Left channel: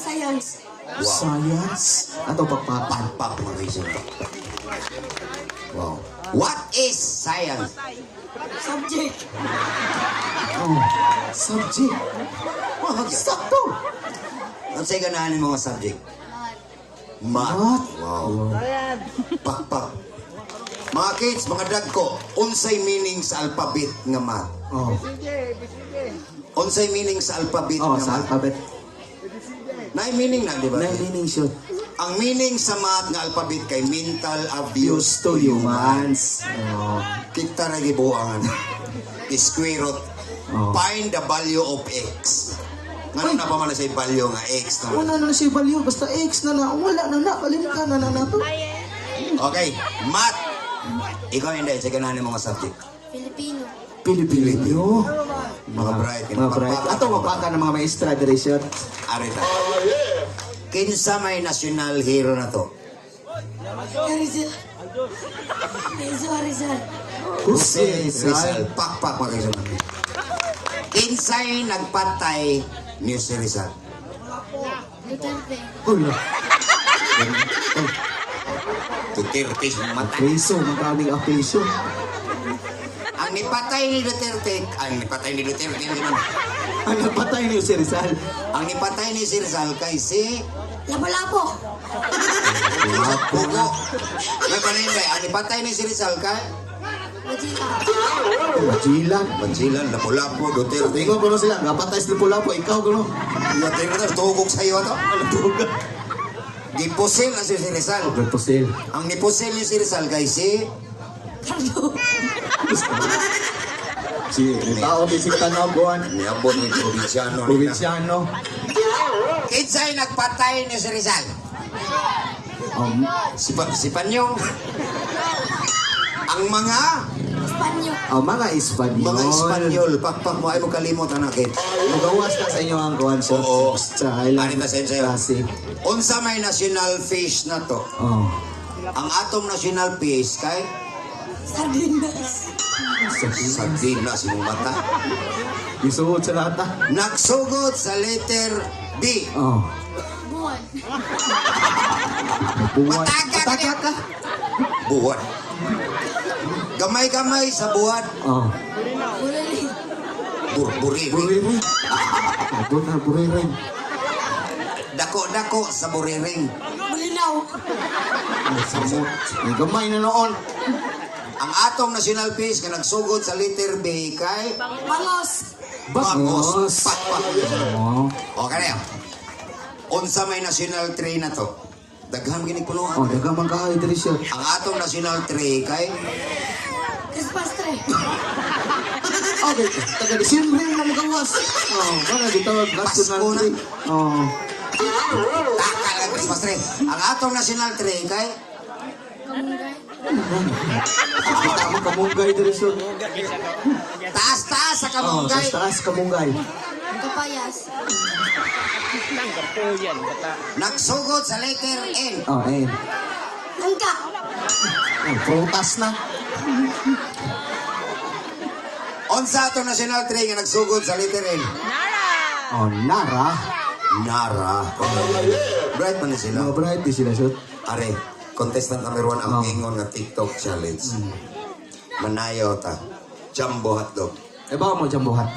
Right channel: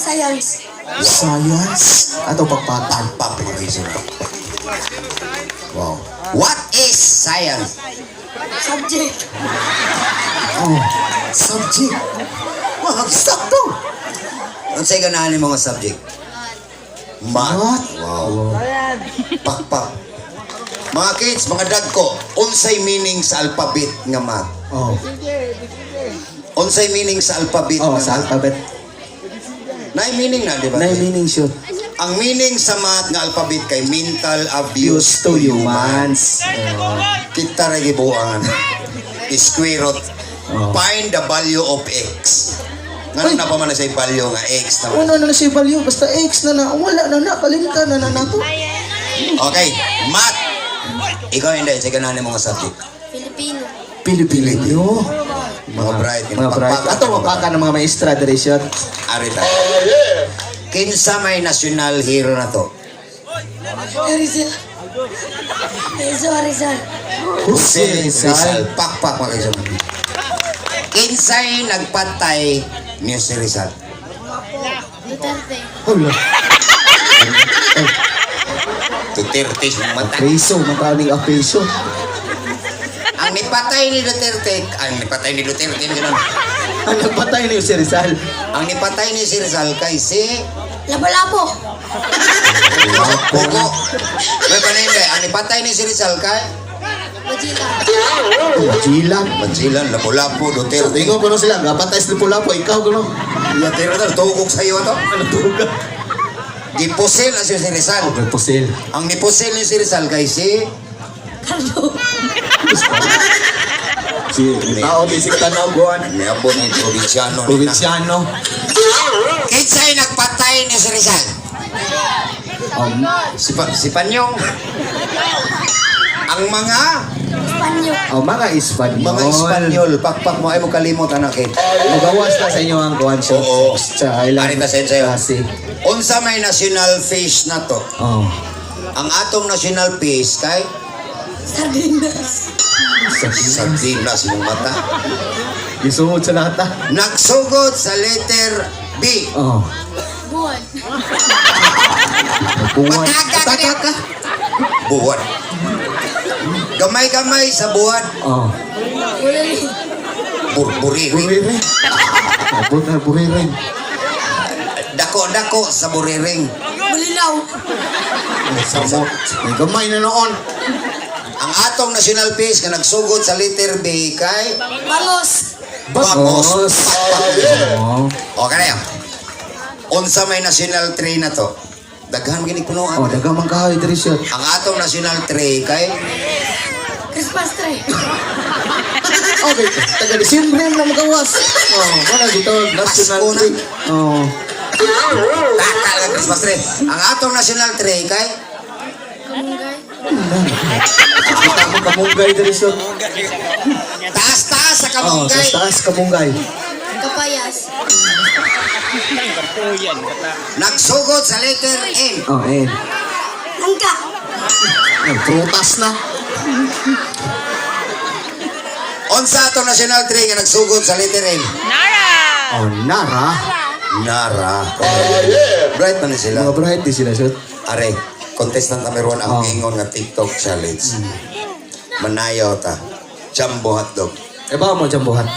Science. Science? Ato pagpatan. Pag-pag-isip. Wow. What is science? Subject. Oh, subject. Wow, sakto. Ang sa'yo ganahan yung mga subject? Math. Wow. Pakpak. Mga kids, mga dagko, unsay meaning sa alphabet nga math? Oh. Unsay meaning sa alphabet Oh, nga sa math? alphabet. Nay meaning na, di ba? Na meaning siya. Ang meaning sa math nga alphabet kay mental Use abuse to humans. Oh. Kita rin ibuangan. Square root. Oh. Find the value of x. Ngayon na pa man na sa value nga x naman. Ano na siya value? Basta X na. Wala na. Kalimta na to. Okay, math. Ikaw hindi, sige na ni mga subject. Filipino. Pilipino. Mga bright. Mga bright. Ato mapaka ng mga maestra dari siya. Arita. Kinsa may national hero na to? Rizal. Rizal. Si Rizal. Pakpak mga kayo. Kinsay nagpatay ni si Rizal? Duterte. Hala. Duterte yung mata. Apreso. Makaling apreso. Ang nipatay ni Duterte, ganun. Ang nagpatay niyo si Rizal. Ang nipatay ni si Rizal kay si Lapu-lapu. Pugo. May panay ang nipatay ni si Rizal kay Bajila. Majilan. Mansilan, Lapu-Lapu, Duterte. Tingnan ko na sila. Gapatay sa Lapu-Lapu. Ikaw ko no. Duterte, tugok sa iyo ito. Ano tuga? Gipusil na si Rizal. Okay, pusil. Ang nipusil ni si Rizal kay si Carlo. Si tao di si Tanaguan. Niabot ng probinsyano. Provinciano. Kinsay nagpatay ni si Rizal? Si Panyong. Ang mga Espanyol. Mga Espanyol. Pakpak mo ay mo kalimot anak eh. Magawas na sa inyo ang kuhan shot. Oo. Sa island. Arita sa'yo. Kasi. Unsa may national fish na to? Oh. Ang atong national fish kay Sardinas. sardinas mong mata. Isuod sa lahat ah. Nagsugod sa letter B. Oh. Buwan. Buwan. Mataka ka. Buwan. Gamay-gamay sa buwan. Oh. Bulali. Burburiwi. Buriring. Abot na buriring. Dako-dako sa buriring. Bulinaw. Samot. May gamay na noon. Ang atong national fish nga nagsugod sa letter B kay Bangos. Bangos. Oh. Okay na yan. Unsa may national tree na to? Daghan gini Oh, punuan. dagamang kahoy diri siya. Ang atong national tree kay Christmas tree. Okay, taga Disyembre na magawas. Oh, wala dito national Pasko na. tree. Oh. Taka lang Christmas tree. Ang atong national tree kay Kamunggay. Kita mo kamunggay diri siya. taas-taas sa Oh, sa kamunggay. taas kamunggay. Kapayas. Nagsugod sa letter N. Oh, eh. Langka. Ay, prutas na. Unsa atong national tree nga nagsugod sa letter N? Oh, Nara. Nara. Bright man sila. Mga bright di sila siya. Are, contestant number 1 ang Oh. ingon nga TikTok challenge. Manayaw ta. Jumbo hotdog. Eh, baka mo dyan buhat.